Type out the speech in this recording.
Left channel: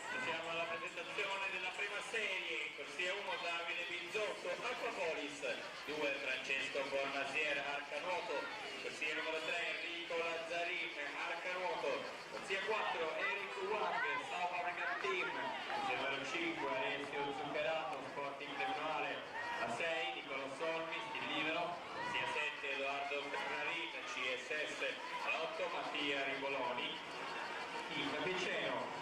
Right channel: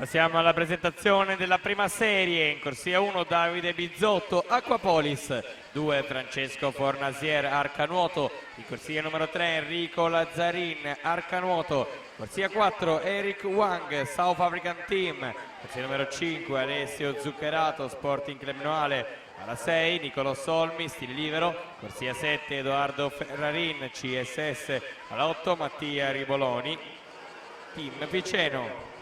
Passiamo alla presentazione della prima serie. In corsia 1 Davide Bizzotto, Aquapolis. 2 Francesco Fornasier, Arcanuoto. In corsia numero 3 Enrico Lazzarin, Arcanuoto. Corsia 4 Eric Wang, South African Team. Corsia numero 5 Alessio Zuccherato, Sporting Club Noale. Alla 6 Nicolò Solmi, Stil Libero. Corsia 7 Edoardo Ferrarin, CSS. Alla 8 Mattia Riboloni, Team Viceno.